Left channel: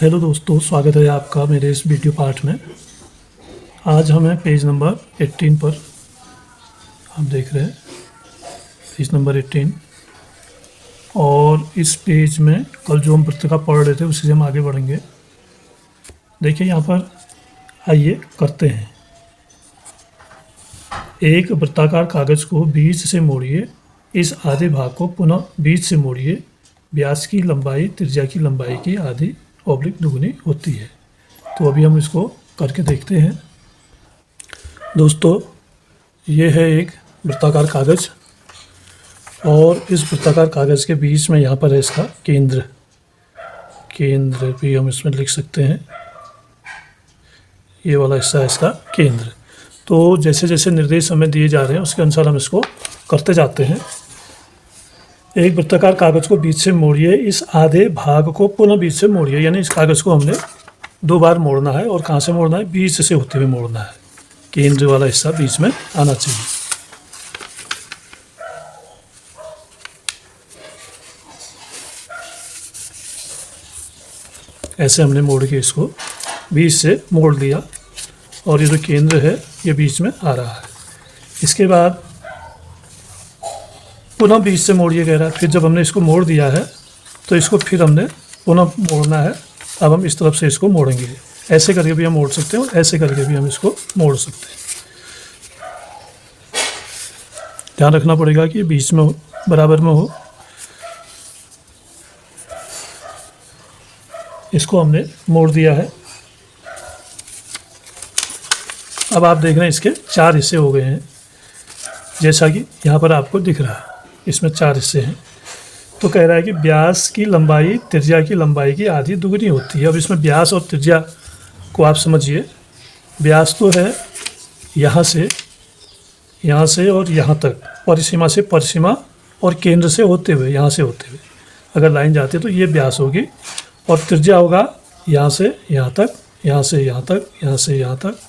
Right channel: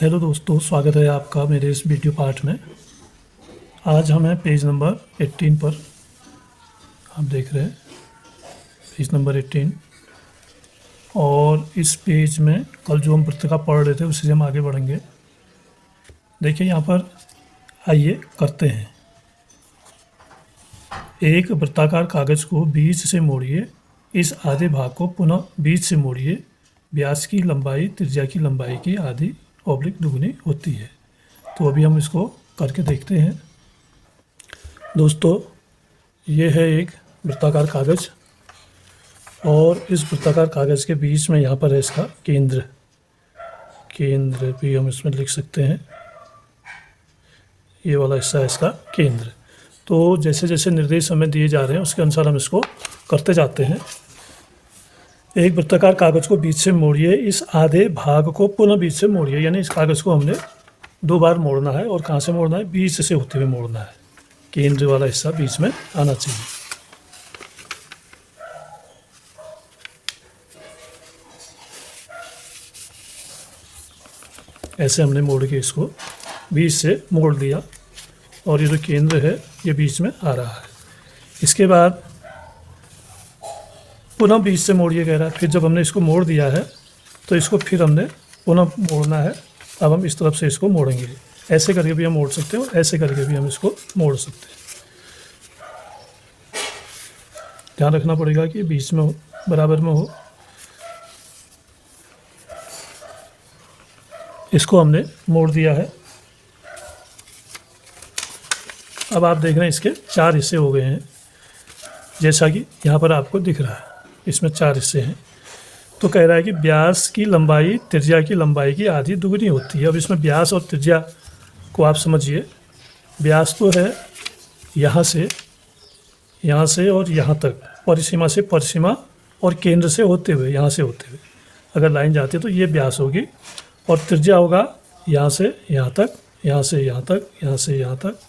Hello दोस्तों, स्वागत है आपका मेरे इस वीडियो पार्ट में। आज हम हैं पेज नंबर 18 पर। आप देख रहे हैं पेज नंबर 18। और इस पेज में कल जो हम पुस्तक पढ़ रहे थे उसी से हम आगे बढ़ेंगे। देखिए यहाँ पर, आइए करते हैं। एक वृत्ताकार कागज़ को बीच से मोड़िए। इस आधे भाग को पुनः बीच से मोड़िए। व्यास की लंबाई त्रिज्या की लंबाई की आधी ऑब्लिक दुगनी होती है। तो अभी हम इसको करके देखते हैं। दोस्तों, ये है एक वृत्ताकार कागज़ और इस वृत्ताकार कागज़ के बीच में यहाँ पर है इसका केंद्र। केंद्र भी हम इसमें लिख सकते हैं। ये वाला हिस्सा है इसका केंद्र। तो जैसे जैसे निर्देश हमें दिए जा रहे हैं उसके अनुसार हम इसको करते जाते हैं। एक वृत्ताकार कागज़ को बीच से मोड़िए। इस आधे भाग को पुनः बीच से मोड़िए। यानी इस कागज़ को हमने 2 बार मोड़ना है। और कहाँ से मोड़ना है? बीच से होते हुए मोड़ना है। केंद्र वाला हिस्सा बीच में आना चाहिए। ऐसे हमने मोड़ के इसको बीच से मोड़ लिया और ये जो केंद्र है ये बीच में आ रहा है। इसके बाद पुनः बीच से मोड़िए कह रहा है। फिर जब हमने इसको मोड़ दिया है तो इसको फिर हमने पुनः मोड़ना है। अब हम इस तरफ से इसको मोड़ेंगे। ऐसे करके भी हम मोड़ सकते हैं और ऐसे करके भी हम इसको मोड़ सकते हैं। ध्यान रखना पड़ेगा कि बीच में हो, बराबर में हो। इसको हमने मोड़ दिया है। अब आप देख रहे हैं इसके 4 हिस्से हो गए हैं, जैसा कि यहाँ पर आपको दिख रहा है। इसमें 4 हिस्से हैं। तो कह रहा है कि व्यास की लंबाई त्रिज्या की लंबाई की आधी दुगनी होती है। अब इसमें व्यास और त्रिज्या को आप समझिए। व्यास तो है यहाँ से और यहाँ तक, परिसीमा से परिसीमा और केंद्र से होते हुए, यहाँ से होते हुए अगर लाइन जाती है तो ये व्यास होगी। और त्रिज्या होगा यहाँ से यहाँ तक, यहाँ से यहाँ तक, यहाँ से यहाँ तक,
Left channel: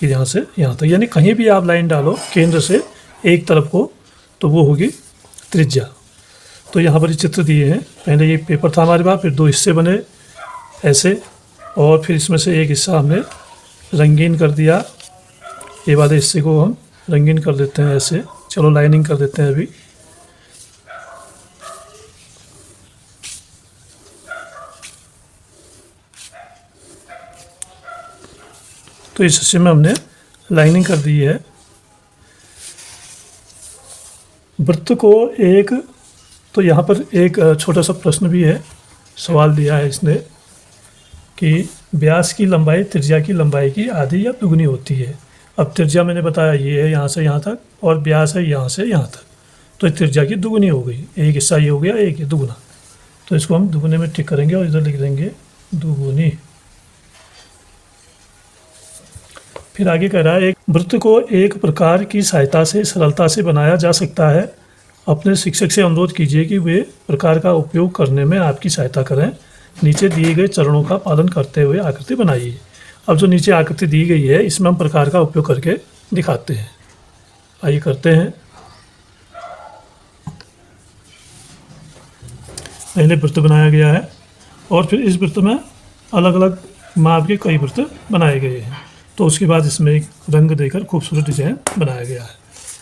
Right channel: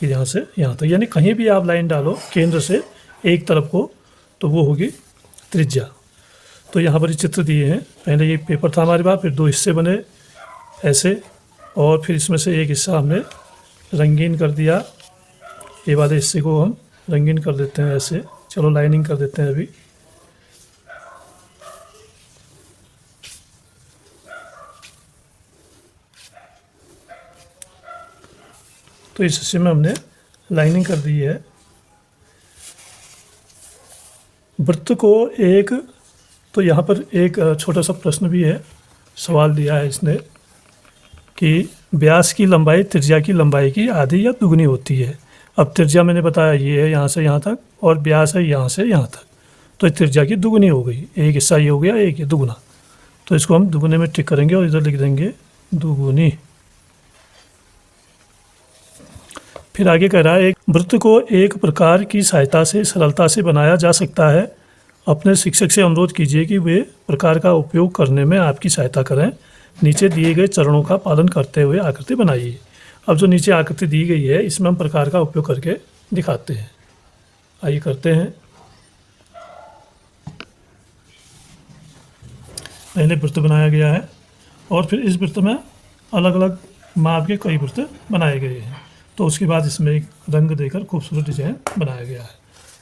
फिर यहाँ से यहाँ तक। यानी कहीं भी आप लाइन डालो केंद्र से एक तरफ को तो वो होगी त्रिज्या। तो यहाँ पर ये चित्र दिए हैं। पहले ये पेपर था हमारे पास, फिर 2 हिस्से बने ऐसे, और फिर इसमें से एक हिस्सा हमने रंगीन कर दिया। ये वाले हिस्से को हम रंगीन कर देते हैं ऐसे। चलो लाइनिंग कर देते हैं अभी। तो इस हिस्से में हमने लाइनिंग कर दी है। वृत्त को एक, तो यहाँ पर एक छोटा सा प्रश्न भी है, सवाल दिया है इसने कि व्यास की लंबाई त्रिज्या की लंबाई की आधी या दुगनी होती है। अब त्रिज्या मैंने बताया ये है यहाँ से यहाँ तक, और व्यास है यहाँ से यहाँ तक। तो त्रिज्या की दुगनी हो गई। एक हिस्सा ये हो गया, एक ये दुगना। तो इसको हम दुगने में टिक करेंगे और इधर लिख देंगे दुगुनी। फिर आगे कह रहा है, एक वृत्त को एक प्रकार की सहायता से सरलता से बनाया जा सकता है। अपने शिक्षक से अनुरोध कीजिए कि वे प्रकार का उपयोग करने में आपकी सहायता करें। नीचे दिए गए चरणों का पालन करते हुए आकृति बनाइए। अब जो नीचे आकृति दी गई है इसमें हम प्रकार का उपयोग करके दिखाते हैं। आइए करते हैं। पहले वृत्त बनाया गया है और फिर इस वृत्त में अलग अलग माप के कई वृत्त बनाए गए हैं। तो उसके बाद इसमें एक रंग देकर खूबसूरत डिजाइन बनाया गया है।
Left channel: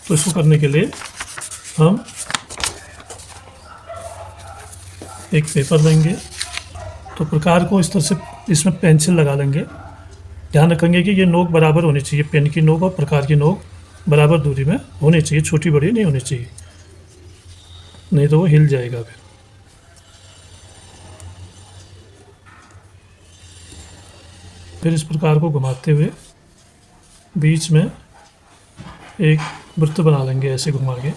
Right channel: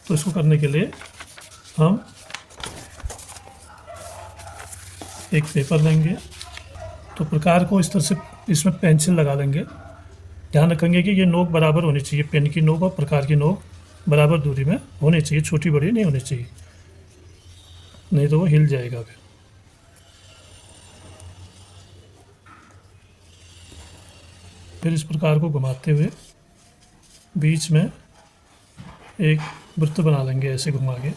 तो इसको करने के लिए हम एक पेपर लेंगे। तो प्रकार को इस तरह से इसमें पेंसिल लगा लेंगे। ध्यान रखेंगे कि ये नोक बराबर होनी चाहिए। पेन की नोक और प्रकार की नोक बराबर दूरी में होनी चाहिए, छोटी बड़ी नहीं होनी चाहिए, नहीं तो वो हिल जाएगा। फिर इस प्रकार को घुमाते हुए बीच में एक वृत्त बना लेंगे ऐसे घुमा के।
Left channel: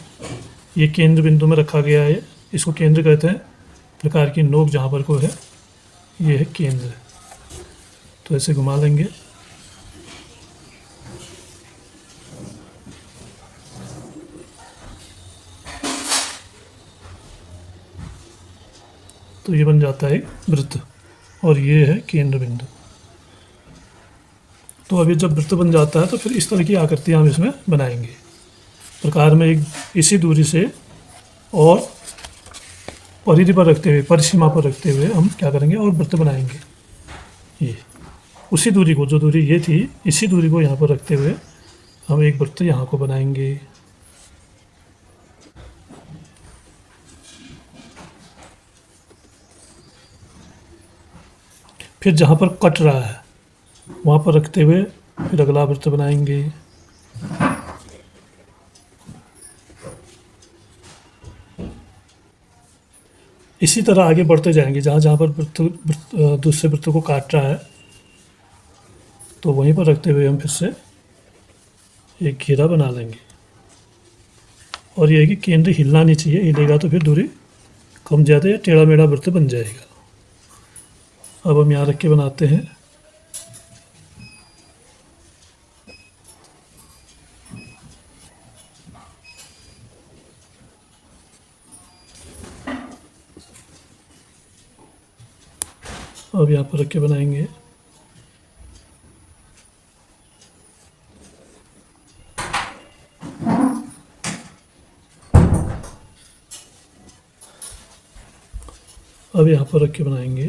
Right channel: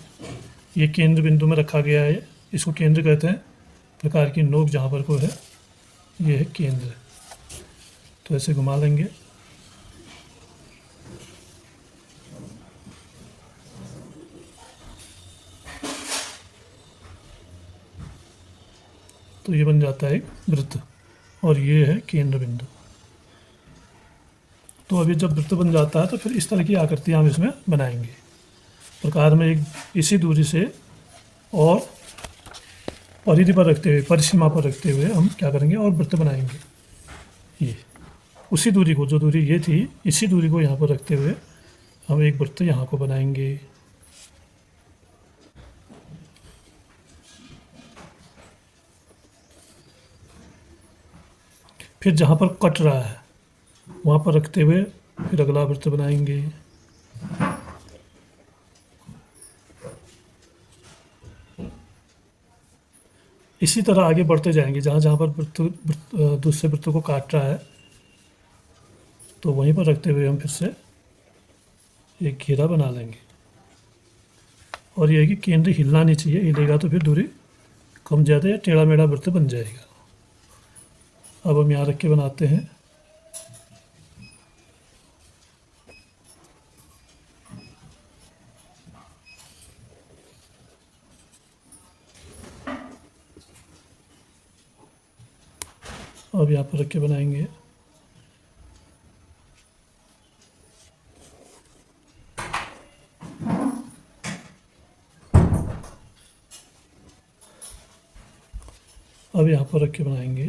ये केंद्र बिंदु में रखा गया है। इसको केंद्र कहते हैं। प्रकार की नोक जहाँ पर को है ये है केंद्र। तो ऐसे घुमा लेंगे। तो ये बन जाता है वृत्त और ये है केंद्र बिंदु। तो अभी जब वृत्त बन जाता है तो फिर इस तरह की आकृतियाँ हम इसमें बनाएंगे। प्रकार में एक इसी दूरी से और परिधि पर रखते हुए, परिसीमा पर रखते हुए हम क्या करेंगे और वृत्त बनाएंगे। ये उसी दूरी को, जो दूरी ये थी, इसी दूरी को यहाँ पर रखते हुए हम एक वृत्त यहाँ को बनाएंगे। फिर जहाँ पर कट रहा है वहाँ पर रखते हुए फिर अगला वृत्त बनाएंगे। इसी तरह आगे बढ़ते जाएंगे, जहाँ जहाँ पर दूसरे वृत्त को काट रहा है तो वहीं पर रखते हुए हम फिर से एक घेरा बना लेंगे। और ये है कि केंद्र हिलना नहीं चाहिए, हिलेगा तो फिर दूरी कम ज़्यादा या टेढ़ा मेढ़ा वृत्त बन जाएगा। अब हम यहाँ रख के बनाते हैं। अब यहाँ पर रख के बनाएंगे। अब यहाँ पर रख के बनाएंगे।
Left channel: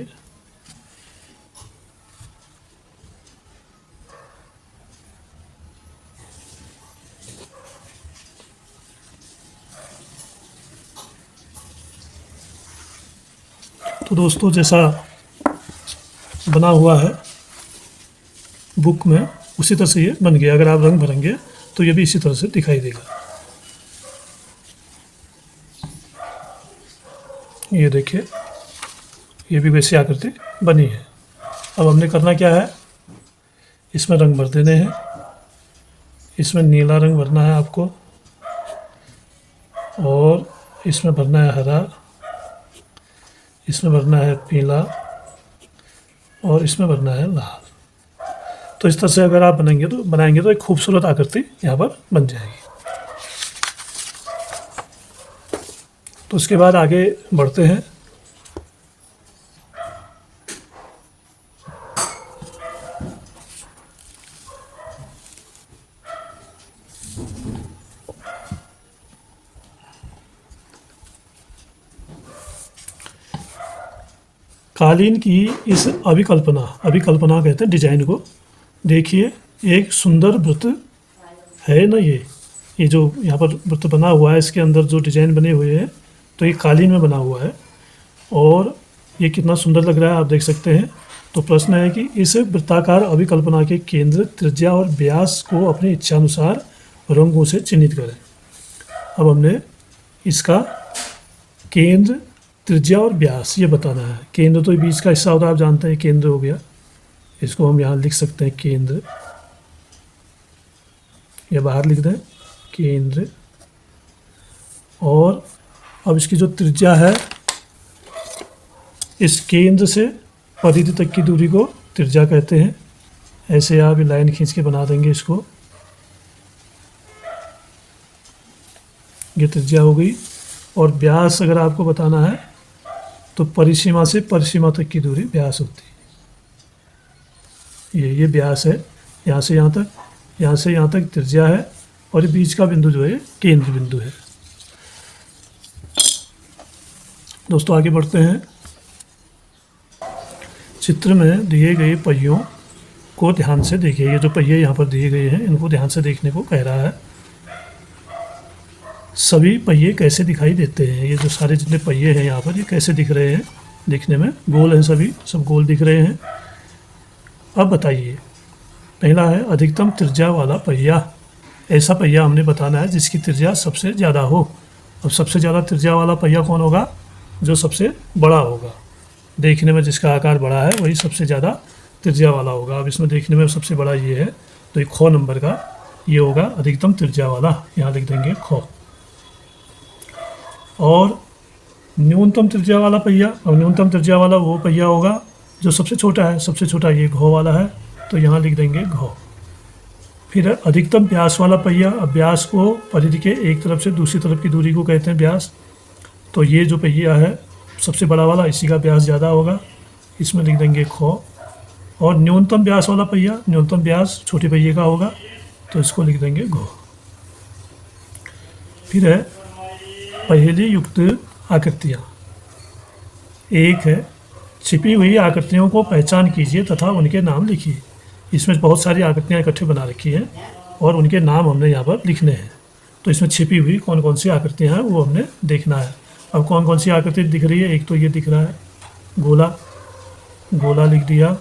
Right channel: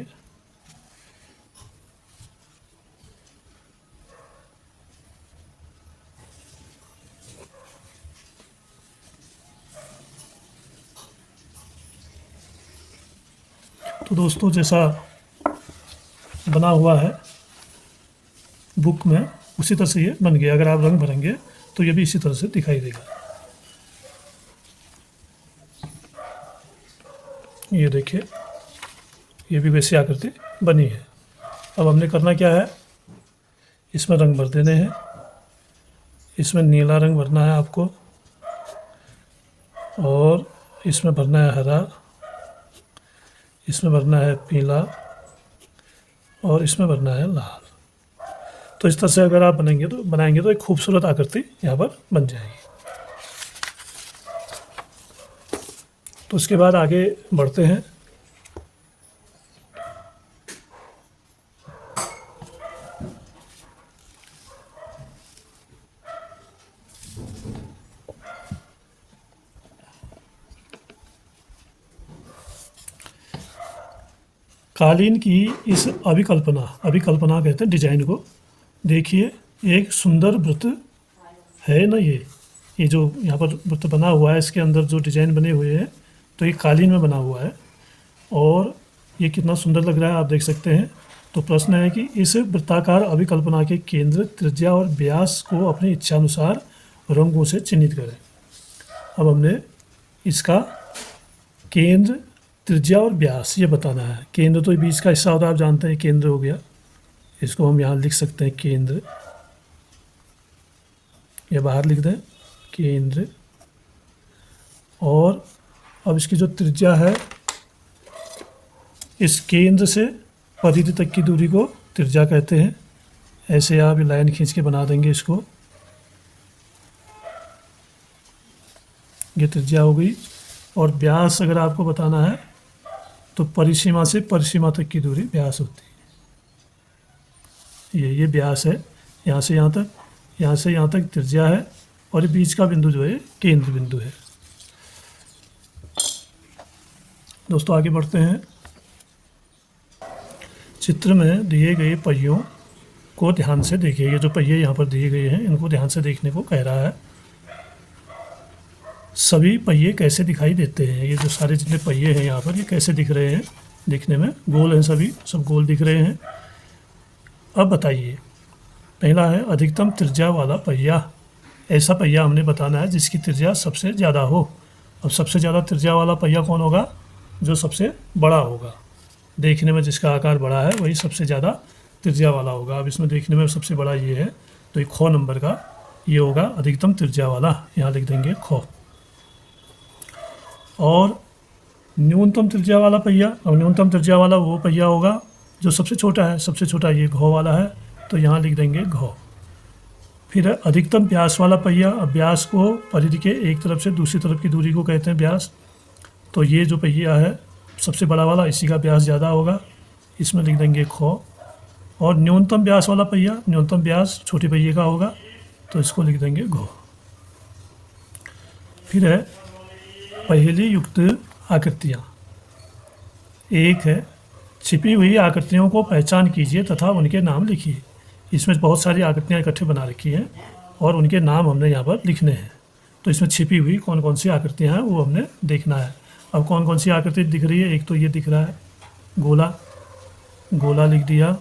तो दोस्तों, जैसा बना हुआ है बुक में उसी तरह से ये बन गया। अगर आप रंग भरेंगे तो ये भी इसी तरह से दिखाई देगा। ये देखिए, ये भी वैसी आकृति बनी है। अब हमने करना क्या है, इसमें रंग भर देने हैं। इसमें नीला रंग भरना है आपको, और इसमें भरना है हरा, इसमें भरना है पीला, और इसमें भरना है लाल। तो इस तरह से अगर आप बनाएंगे तो एक खूबसूरत आकृति यहाँ पर बन जाएगी। तो उसके बाद आगे बढ़ते हैं। कालीन की इस अभिकल्पना कहते हैं डिजाइन को। देखिए, एक सुंदर वृत्त है ना। ये जो यहाँ पर वृत्त बना हुआ है, इसके अंदर जो डिजाइन बने हुए हैं, तो ये कालीन में बना हुआ है और ये कितना सुंदर लग रहा है, आप देख सकते हैं। तो प्रश्न है कि इस वृत्ताकार अभिकल्पना के केंद्र, त्रिज्या और व्यास को अपनी इच्छानुसार रंगों से चिन्हित करें। अब हमने इसका केंद्र, त्रिज्या और व्यास ये बताना है। केंद्र तो बीच का हिस्सा होता है, आप जानते हैं, केंद्र हो गया। इसको हम यहाँ लिख सकते हैं केंद्र, या बाहर लिख दें केंद्र। और अब इसकी जो त्रिज्या है, इस केंद्र से परिधि तक की दूरी को त्रिज्या कहते हैं। ऐसे आप लाइन खींच के बना देंगे इसको। ये त्रिज्या हो गई। और व्यास अगर आपको बताना है तो परिसीमा से परिसीमा तक की दूरी व्यास होती है। ये व्यास है, यहाँ से यहाँ तक, यहाँ से यहाँ तक त्रिज्या है, और बीच का बिंदु जो है केंद्र बिंदु है। दोस्तों, आगे बढ़ते हैं। चित्र में दिए गए पहियों को ध्यान से देखिए। ये जो पहिए यहाँ पर दिए गए हैं, इनको ध्यान से देखने को कह रहा है। सभी पहिए कैसे दिखाई देते हैं? ये जो सारे जितने पहिए हैं यहाँ पर, ये कैसे दिख रहे हैं? दिखने में गोल हैं, सभी सब गोल दिख रहे हैं। अब बताइए, पहला है अधिकतम त्रिज्या वाला पहिया। ऐसा पहिया हमने बताना है जिसकी त्रिज्या सबसे ज़्यादा हो। अब सबसे ज़्यादा त्रिज्या वाला पहिया कौन होगा? जो सबसे बड़ा होगा। देखने में जिसका आकार बड़ा है वही सबसे ज़्यादा त्रिज्या वाला होगा। अब इसमें देखने में सबसे बड़ा ये है, तो ये खो नंबर का ये होगा अधिकतम त्रिज्या वाला। यहाँ लिख देंगे खो। और न्यूनतम त्रिज्या वाला पहिया, अब न्यूनतम त्रिज्या वाला वो पहिया होगा जो सबसे छोटा है। सबसे छोटा ये घो वाला है, तो यहाँ लिख देंगे घो। फिर है अधिकतम व्यास वाला पहिया। अब व्यास को परिधि के एक तरफ से दूसरी तरफ की दूरी को कहते हैं व्यास। तो ये जो पहिया है सबसे बड़ा वाला, इसी का व्यास ज़्यादा होगा, इसमें लिख देंगे खो। और न्यूनतम व्यास वाला पहिया, न्यूनतम व्यास छोटे पहिए का होगा, तो इसको लिख देंगे घो। फिर है पहेली युक्त आकृतियाँ। एक है छिपी हुई आकृतियों को पहचान कीजिए तथा उनके नाम लिखिए। इसमें बहुत सारी आकृतियाँ इकट्ठे बना रखी हैं और उनके नाम हमने यहाँ पर लिखने हैं। तो इसमें छिपी हुई कौन कौन सी आकृतियाँ हैं वो हमने देखना है। अब कौन कौन सी आकृति दिख रही है, एक तो ये दिख रहा है गोला, गोला लिख दिया।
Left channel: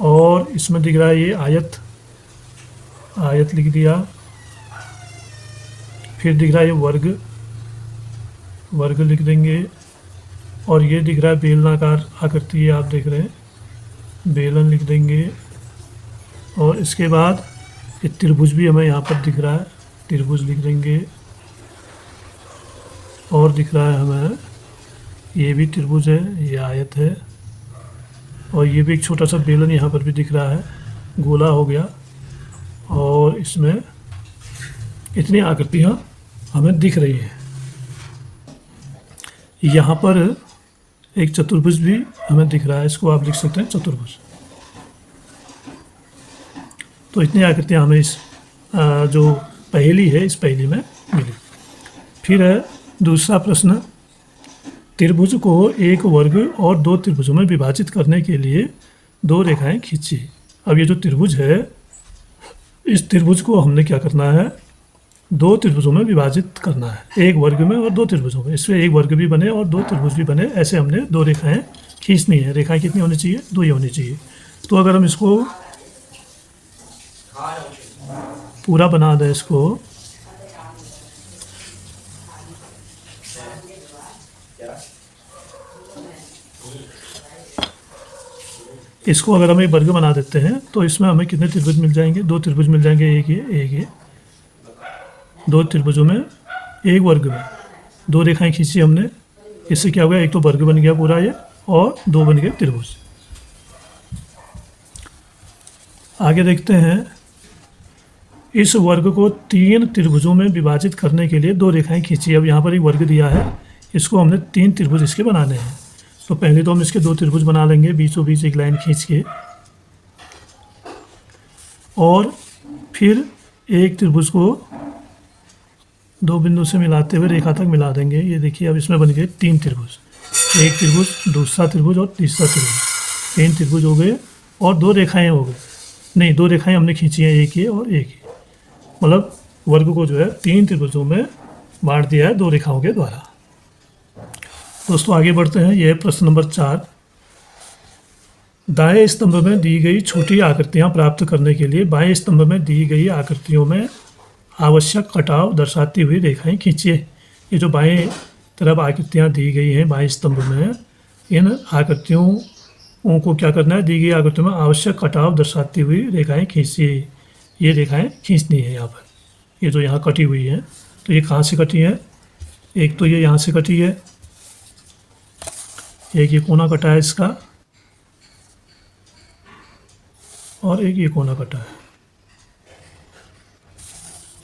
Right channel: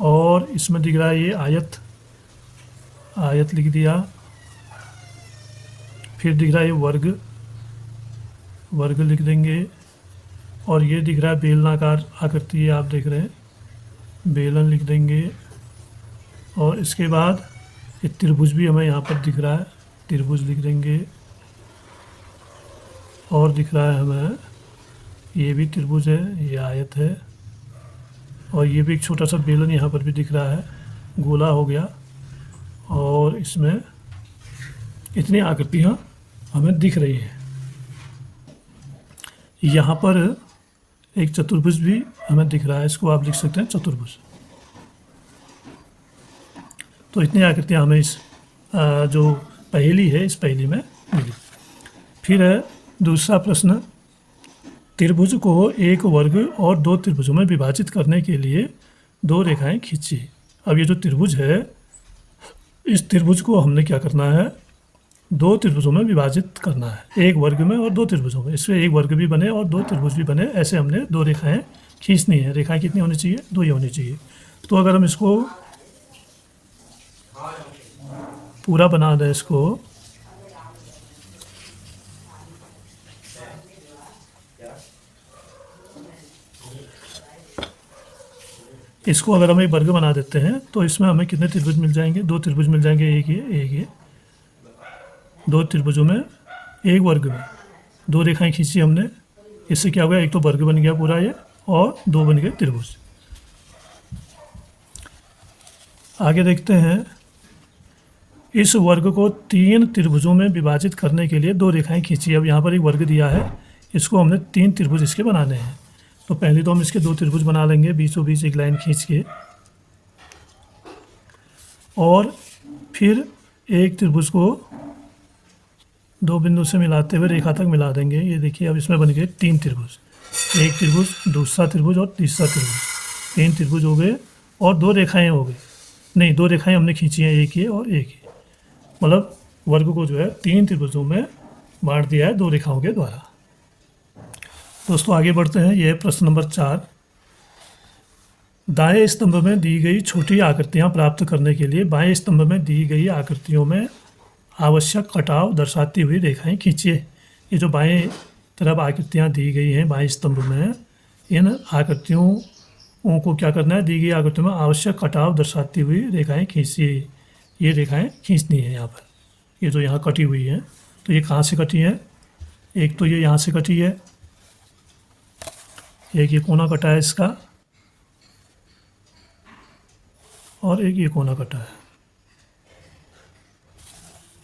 और इसमें दिख रहा है ये आयत, आयत लिख दिया। फिर दिख रहा है ये वर्ग, वर्ग लिख देंगे। और ये दिख रहा है बेलनाकार आकृति, ये आप देख रहे हैं, बेलन लिख देंगे। और इसके बाद ये त्रिभुज भी हमें यहाँ पर दिख रहा है, त्रिभुज लिख देंगे। और दिख रहा है हमें ये भी त्रिभुज है, ये आयत है। और ये भी एक छोटा सा बेलन यहाँ पर भी दिख रहा है, गोला हो गया। और इसमें इतनी आकृतियाँ हमें दिख रही हैं। यहाँ पर एक चतुर्भुज भी हमें दिख रहा है, इसको आप लिख सकते हैं चतुर्भुज। तो इतनी आकृतियाँ हमें इस जो पहेली है, इस पहेली में मिली। फिर है दूसरा प्रश्न, त्रिभुज को एक वर्ग और दो त्रिभुजों में विभाजित करने के लिए दो रेखाएं खींचिए। अब ये जो त्रिभुज है, इस त्रिभुज को हमने क्या करना है, दो त्रिभुजों में विभाजित करना है, एक वर्ग में और दो त्रिभुजों में। इसमें एक वर्ग भी बने और दो त्रिभुज भी बने, ऐसे हमने दो रेखाएं खींचनी है। रेखाएं कितनी होनी चाहिए, दो ही होनी चाहिए। तो अगर हम इसको पूरा बना दें, इसको इसको अगर हम एक वर्ग बना देते हैं तो इसमें हमें कितने त्रिभुज मिल जाएंगे, दो त्रिभुज मिल जाएंगे, एक ये दो त्रिभुजों में एक वर्ग में दो रेखाएं खींची हमने। इससे क्या हो गया, एक तो वर्ग बन गया पूरा ये, और दो बन गए त्रिभुज। आगे देखते हैं, इस वर्ग को तीन त्रिभुजों में विभाजित करने के लिए दो रेखाएं खींची। अब यहाँ पर एक वर्ग दिया है, इसको हमने तीन त्रिभुज इसके बनाने हैं। तो पहले तो हम इसके दो त्रिभुज बना लेंगे, बीचों बीच एक लाइन खींच के। और फिर एक त्रिभुज को दो बिंदु से मिलाते हुए रेखा तक मिला देंगे। ये देखिए, अब इसमें बन गए तीन त्रिभुज, एक त्रिभुज, दूसरा त्रिभुज और तीसरा त्रिभुज। तीन त्रिभुज हो गए और दो रेखाएं हो गई, नहीं दो रेखाएं हमने खींची हैं, एक ये और एक ये। मतलब वर्ग को जो है तीन त्रिभुजों में बांट दिया है दो रेखाओं के द्वारा। दोस्तों आगे बढ़ते हैं, यह प्रश्न नंबर 4। दाएं स्तंभ में दी गई छोटी आकृतियां प्राप्त करने के लिए बाएं स्तंभ में दी गई आकृतियों में आवश्यक कटाव दर्शाती हुई रेखाएं खींचिए। ये जो बाएं तरफ आकृतियां दी गई हैं बाएं स्तंभ में, इन आकृतियों को क्या करना है, दी गई आकृतियों में आवश्यक कटाव दर्शाती हुई रेखाएं खींचिए। ये रेखाएं खींचनी है यहाँ पर, ये जो यहाँ कटी हुई है। तो ये कहाँ से कटी है, एक तो ये यहाँ से कटी है, एक ये कोना कटा है इसका, और एक ये कोना कटा है।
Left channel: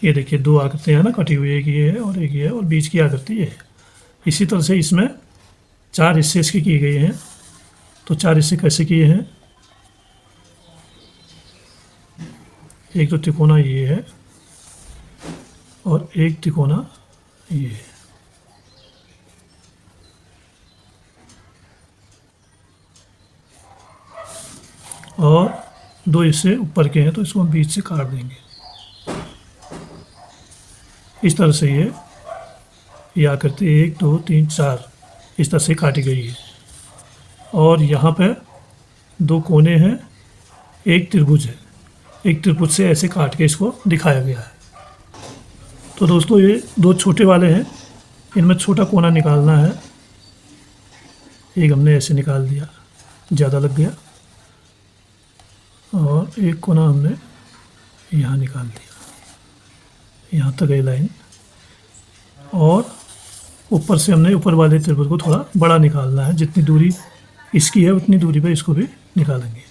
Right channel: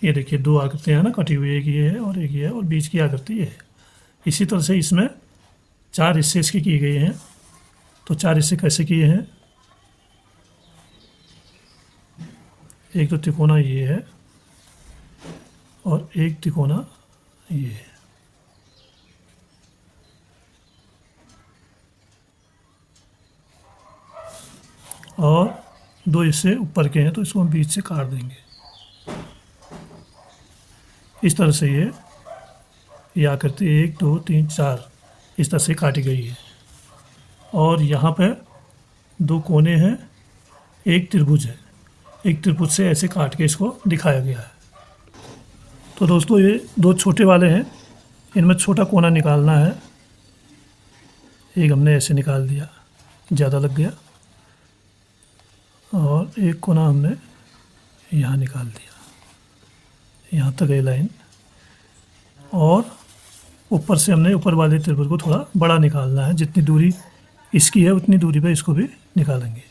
ये देखिए दो आकृतियाँ हैं ना कटी हुई, एक ये है और एक ये है, और बीच की आकृति ये है। इसी तरह से इसमें चार हिस्से इसके किए गए हैं। तो चार हिस्से कैसे किए हैं, एक तो तिकोना ये है और एक तिकोना ये है। और दो हिस्से ऊपर के हैं, तो इसको हम बीच से काट देंगे। इस तरह से ये आकृति 1 2 3 4 इस तरह से काटी गई है। और यहाँ पे दो कोने हैं, एक त्रिभुज है, एक त्रिभुज से ऐसे काट के इसको दिखाया गया है। तो दोस्तों ये दो छोटे वाले हैं, इनमें छोटा कोना निकालना है। एक हमने ऐसे निकाल दिया, ज़्यादा लग गया, और एक कोना हमने यहाँ निकाल दिया, यहाँ तक है लाइन। और ऊपर से हमने ऊपर वाले त्रिभुज को थोड़ा बड़ा निकालना है, जितनी दूरी इसकी है उतनी दूरी पे इसको भी निकालेंगे।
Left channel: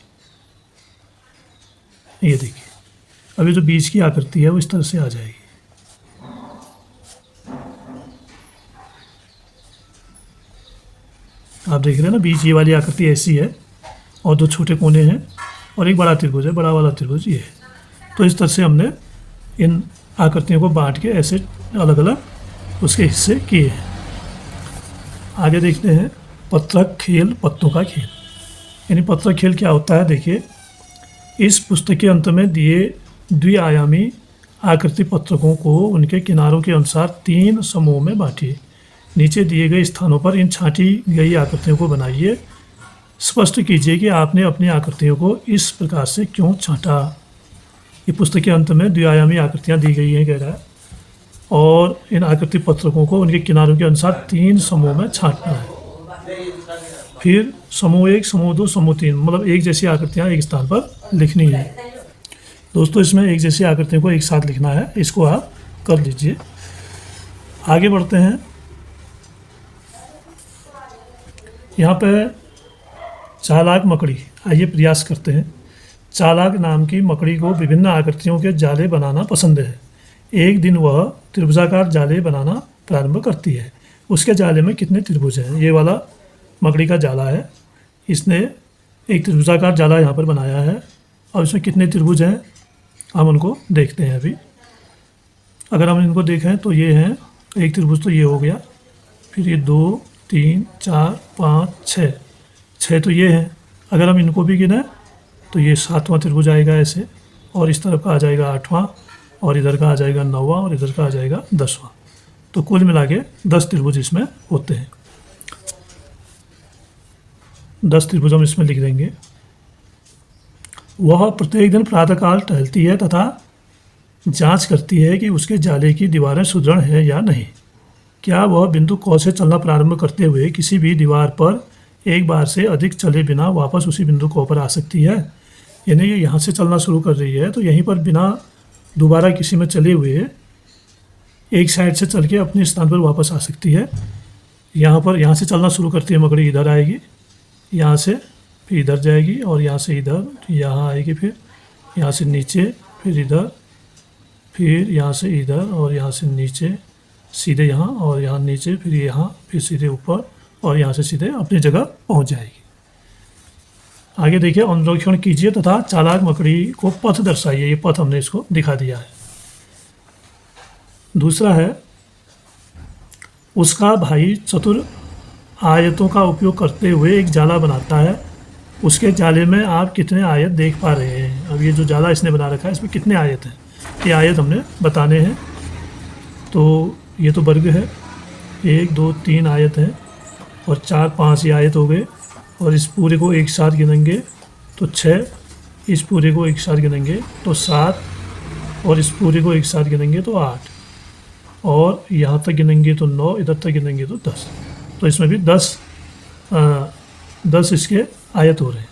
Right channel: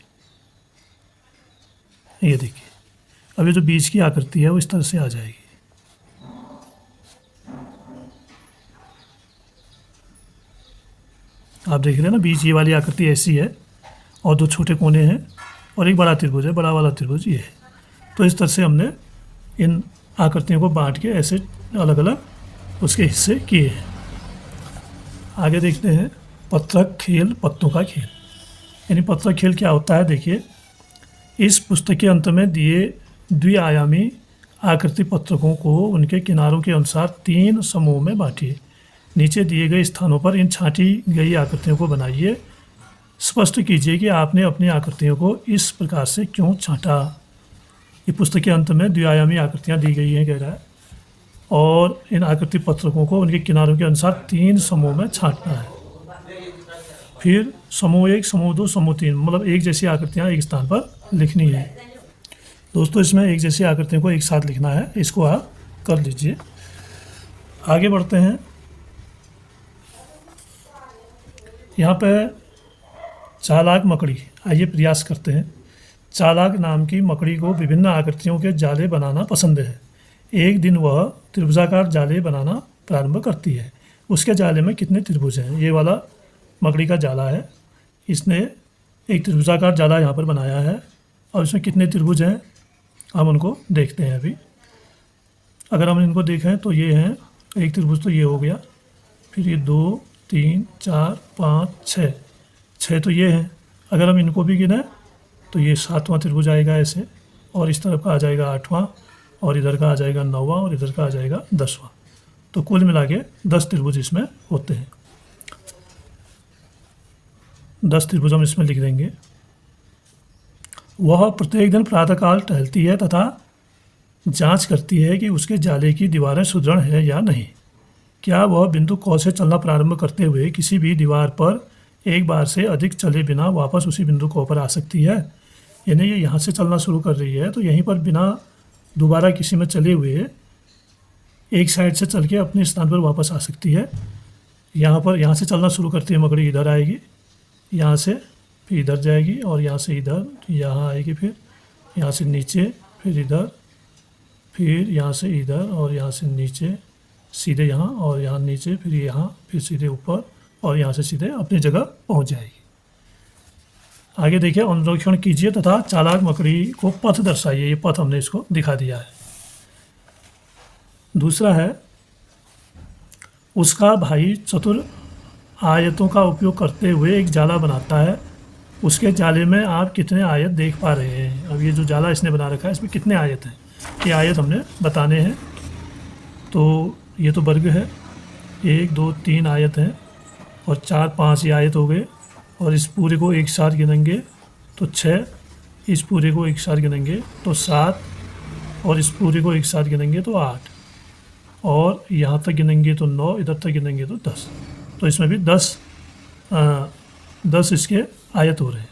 ये देखिए, अब ये जो बीच की आकृति है वो इस तरह से आ जाएगी। आप देख रहे हैं ना, बीच ये वाली आकृति ऐसी है और दो छोटे कोने हैं और एक बड़ा त्रिभुज है, बड़ा वाला त्रिभुज ये है। तो इस तरह से हमने इन आकृतियों को बांट के ऐसे अलग अलग उसके हिस्से किए हैं। आगे देखते हैं पत्रक खेल पत्तों का खेल। यानी पत्रक खेल क्या होता है, देखिए इस पुस्तक के अंत में दिए द्विआयामी आकृति पत्रकों को उनके किनारों के अनुसार 3 समूहों में बांटिए। नीचे दिए गए स्थानों पर इन छांटी गई आकृतियों को बनाइए। स्पष्ट कीजिए कि आपने अपनी आकृतियों को इस प्रकार से क्यों छांटा। ये पुस्तक के अंत में द्विआयामी आकृतियाँ दी गई हैं कह रहा है, और इन आकृति पत्रकों को उनके किनारों के अनुसार 3 समूह में छांटना है। फिर समूह 1, समूह 2, समूह 3, मतलब एक जैसी आकृतियाँ एक स्थान पर लिखनी है। दोस्तों इसमें एक जैसी आकृतियों को एक साथ लिखना है, इसको आप कर लीजिए। आगे बढ़ते हैं। यहाँ पे चालाक मकड़ी, आइए प्रयास करते हैं। चालाक नाम की मकड़ी को विभिन्न आकृतियों के जाले बनाना पसंद है। एक दिन वह त्रिभुजाकार जाले बनाना प्रारंभ करती है। उसके जाले में कितने त्रिभुज हैं? ये वाला मकड़ी का जाला है, इसने एक त्रिभुजाकार जाला यहाँ पर बनाया है, और इसमें कितने त्रिभुज हैं हम उनको देखते हैं अभी। अगर हम इनको देखें तो ये हैं, एक त्रिभुज तो ये हो गया, फिर ये 2, 3, 4, 5, 6 तो ये हैं। अगर हम इनको भी गिने तो ये 7वां त्रिभुज आएगा ऐसे, और इस तरफ का आ जाएगा 8वां, और इधर का आ जाएगा 9वां, और इधर का आ जाएगा 10वां। तो कुल मिला के 10 त्रिभुज इसमें होते हैं। 10 त्रिभुज हम इसमें लिख देंगे। वह प्रत्येक दिन प्रातःकाल टहलती है तथा जांच करती है कि उसके जाले की दीवारें सुदृढ़ हैं या नहीं। क्या वह बिंदु क से चलना प्रारंभ करते हुए किसी भी दीवार पर एक बार से अधिक चले बिना वापस उसी बिंदु क पर आ सकती है? यानी ये यहाँ से चलना शुरू कर रही है तो यहीं पर बिना दोबारा किसी में चले हुए एक साइड से चल के अपने स्थान पर वापस आ सकती है। यहाँ से चलना शुरू करती है मकड़ी, इधर आएगी, यहाँ से फिर इधर जाएगी, और यहाँ से इधर, यहाँ आएगी, फिर यहाँ से नीचे, फिर इधर, फिर यहाँ से इधर, और यहाँ से नीचे सीधे यहाँ, और यहाँ नीचे, फिर यहाँ, फिर सीधे ऊपर, और यहाँ से सीधे अपनी जगह पहुँच जाएगी। आगे देखिए, अनुरेखण कीजिए तथा चालाक मकड़ी को पथ दर्शाइए। ये पथ हमने इसको दिखा दिया है। दूसरा है, उसका भाई चतुर आयतों का उपयोग करते हुए एक जाला बनाता है। उसके जाले में आप कितने आयत देख पा रहे हैं? अब ये जो जाला इसने बना रखा है इसमें कितने आयत हैं, ये आयत हमने बताने हैं। तो ये तो वर्ग है, 1, 2, 3 आयत हैं, और 4, 5 ये आयत हो गए, और इस पूरे को एक साथ गिनेंगे तो 6, इस पूरे को एक साथ गिनेंगे तो 7, और इस पूरे को एक साथ गिनेंगे तो 8, और यहाँ तक गिनेंगे तो 9, इधर तक गिनेंगे तो 10। तो इसमें भी 10 इसके आयत हो रहे हैं।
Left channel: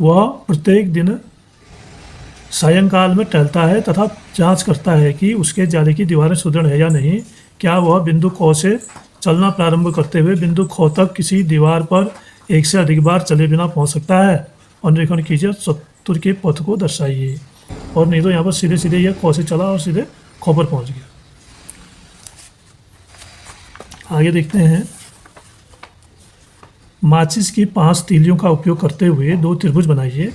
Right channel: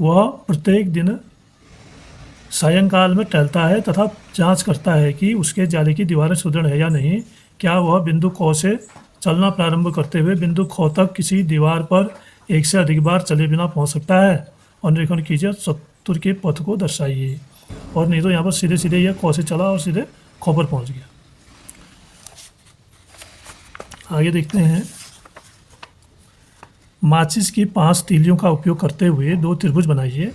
वह प्रत्येक दिन सायंकाल में टहलता है तथा जांच करता है कि उसके जाले की दीवारें सुदृढ़ है या नहीं। क्या वह बिंदु क से चलना प्रारंभ करते हुए बिंदु ख तक किसी दीवार पर एक से अधिक बार चले बिना पहुंच सकता है? अनुरेखण कीजिए, चतुर के पथ को दर्शाइए। और नहीं तो यहाँ पर सीधे सीधे यह क से चला और सीधे ख पर पहुँच गया। आगे देखते हैं। माचिस की 5 तीलियों का उपयोग करते हुए 2 त्रिभुज बनाइए।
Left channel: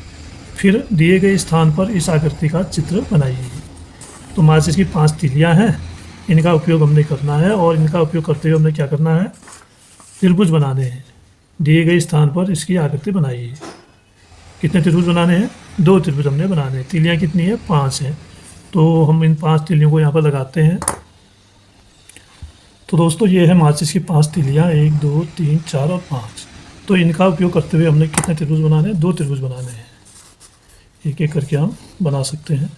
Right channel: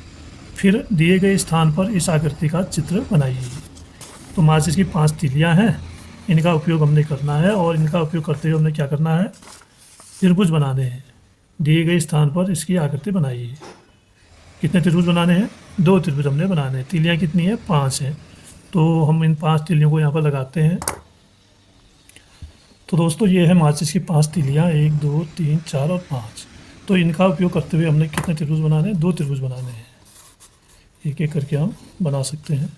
फिर दिए गए स्थान पर इस आकृति का चित्र बनाइए। तो माचिस की 5 तीलियां हैं, इनका उपयोग हमने करना है, और इनका उपयोग करते हुए हमने क्या करना है, त्रिभुज बनाने हैं। दिए गए स्थान पर इसकी आकृति बनाइए। कितने त्रिभुज बनाने हैं? 2 त्रिभुज हमने बनाने हैं। तीलियां कितनी है? 5 हैं। तो हम इन 5 तीलियों को यहाँ पर लगाते हैं। तो दोस्तों ये है माचिस की 5 तीलियां, 1, 2, 3, 4 और 5। तो इनका उपयोग करते हुए हमने कितने त्रिभुज बनाने हैं? 2 त्रिभुज बनाने हैं। एक एक करके हम बना सकते हैं।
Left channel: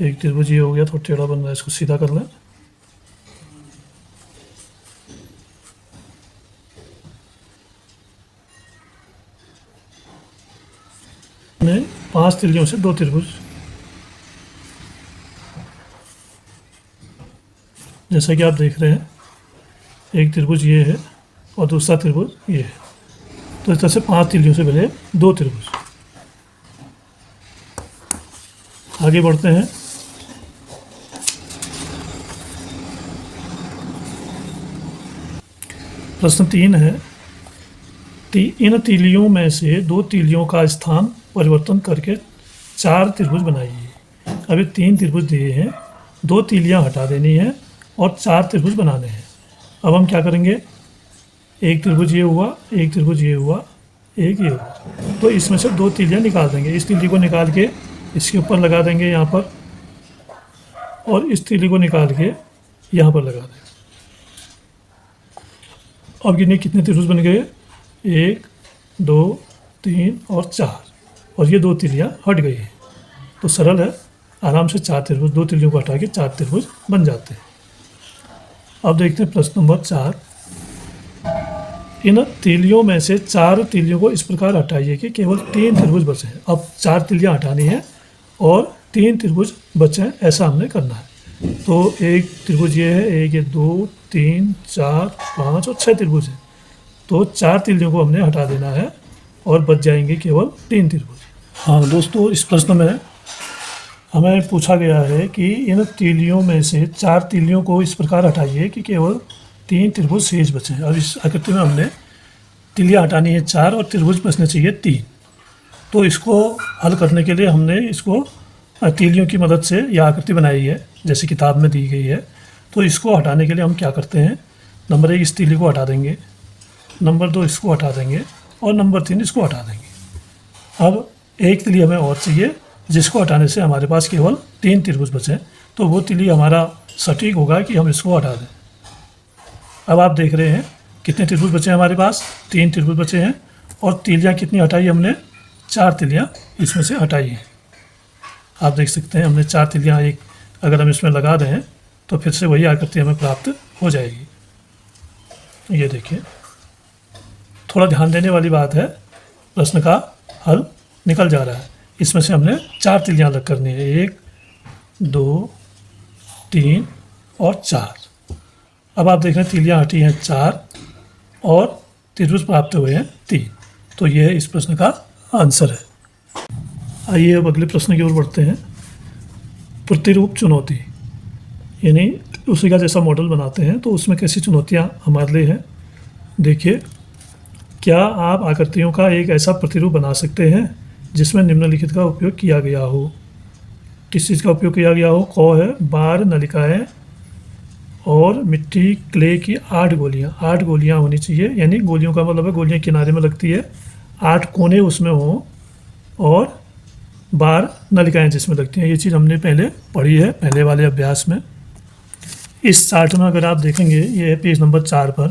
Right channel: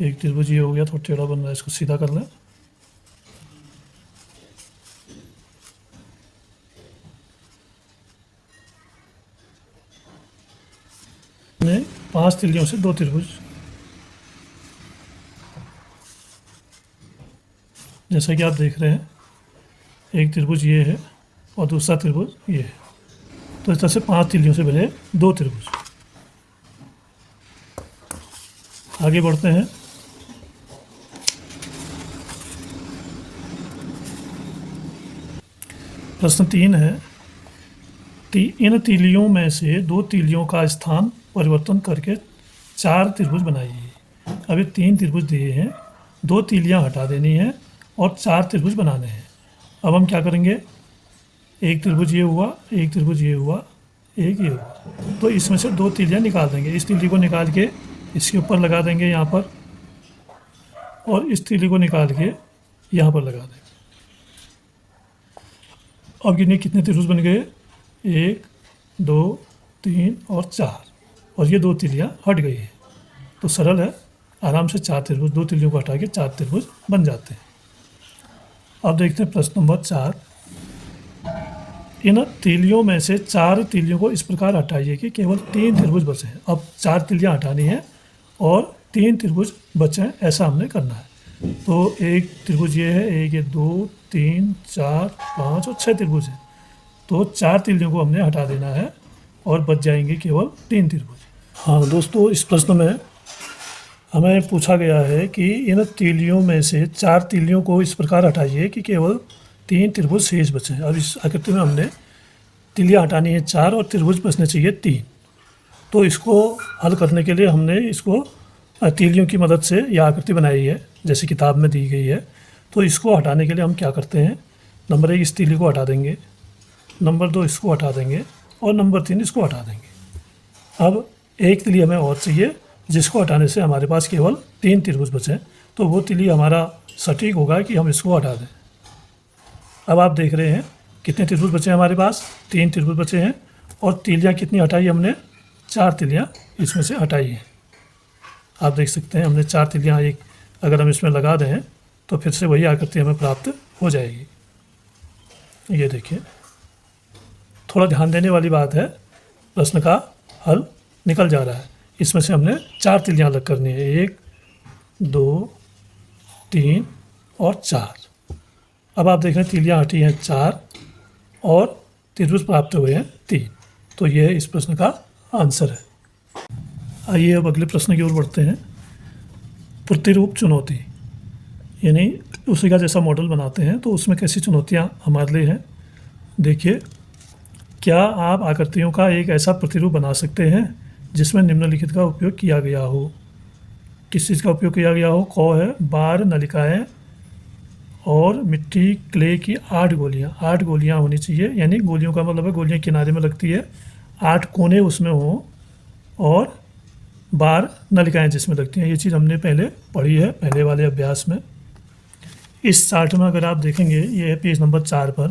एक त्रिभुज ये हो गया, थोड़ा टेढ़ा बन रहा है, इसको सीधा कर लें। ने 5 तीलियों से 2 त्रिभुज, जैसा कि आप देख रहे हैं, एक त्रिभुज ये है और दूसरा त्रिभुज ये है। तो इस तरह से 5 तीलियों से बने 2 त्रिभुज। आगे बढ़ते हैं। प्रश्न 3 है, इन तीलियों में से 2 तीलियों का स्थान परिवर्तन करके 4 त्रिभुज बनाइए। अभी 3 त्रिभुज दिए हैं, 2 तीलियां हटा देनी है और 4 त्रिभुज बनाने हैं। अब हम क्या करेंगे, एक त्रिभुज ये हुआ, एक त्रिभुज ये हुआ, एक ये हुआ, तो इसमें से 2 तीलियां निकाल देंगे। इस तीली को निकाल के इसके ऊपर लगा देंगे यहाँ पर, और इस तीली को निकाल के यहाँ पर लगा देंगे। अब गिनिए कितने त्रिभुज बन गए, 1 2 3 और 4, और ये 2 तीलियां हट गई हैं। तो सरल है, आराम से 4 त्रिभुज, 2 तीलियों को हटा के 4 त्रिभुज बन जाते हैं। अब देखते हैं प्रश्न नंबर 4। इन तीलियों में से 4 तीलियों को इस प्रकार हटाइए कि केवल 3 त्रिभुज बचे हैं। अब 4 तीलियां हटानी है और 3 त्रिभुज बचे हैं, ऐसा हमने करना है। तो एक त्रिभुज ये है, एक ये 2 3 4 5 और 6 त्रिभुज हैं। तो 4 तीलियों को हमने हटा देना है और बच जाएंगे केवल 3 त्रिभुज। हाँ दोस्तों, इस प्रश्न में हमें पूछा गया है कि इन तीलियों में से 4 तीलियों को इस प्रकार हटाइए कि केवल 3 त्रिभुज शेष बचें। और इस आकृति में हमने तीलियां हटानी है 4 और त्रिभुज बचने चाहिए 3। तो इसको हल करने के लिए हमने इसको तीलियों की मदद से यह आकृति बनाई है, जैसे किताब में दी गई है। तो इसको हटाने के लिए हम क्या करते हैं, नंबर 1 इस तीली को हटा देंगे, नंबर 2 इसको हटा देंगे और नंबर 3 इसको हटा देंगे। अब एक तीली हमें और चाहिए, जिसको हटाने से हमारे पास केवल 3 त्रिभुज बचे। तो वो तीली हमारा सटीक होगा कि हम इसको हटा दें। अब आप देख रहे हैं कितने त्रिभुज बचे हैं हमारे पास, 3 त्रिभुज बचे हैं। और तीलियां कितनी हटाई हमने, 4 तीलियां इसमें से हटाई हैं। आप देख सकते हैं हमने 4 तीलियां एक अगर हम इसमें लगा दें तो फिर से वही आकृति हमें प्राप्त हो जाएगी। ये देखिए, थोड़ा ध्यान देने वाली बात है, प्रश्न का हल निकल जा रहा है। इसमें से हमने 4 तीलियां अलग करनी है, 1 2 3 और 4। अब आप देख रहे हैं तीलियां हटी हैं 4 और त्रिभुज प्राप्त हुए हैं 3। तो यह इस प्रश्न का आंसर है। आइए अब अगले प्रश्न की ओर बढ़ते हैं। प्रतिरूप चुनौती, यानी उसी का जैसा मॉडल बनाते हैं तो उसमें कैसी चुनौतियां हमारे लिए हैं। देखिए, क्या आप आकृतियों का एक ऐसा प्रतिरूप बना सकते हैं जिसमें निम्नलिखित का उपयोग किया गया हो। किस चीज़ का उपयोग किया गया हो, क है बार, नलिकाएं और मिट्टी क्ले की 8 गोलियां। 8 गोलियां होनी चाहिए, यानी गोलियों का मतलब है गोलियां किनारे में लगती है, 8 कोने उसमें हों और बार नलिकाएं जिसमें लगती हैं। ये चीज़ हमने पहले पढ़ी है पहले वाले अभ्यास में। इस चार्ट में अगर आप देखेंगे, ये है पेज नंबर 4 पर,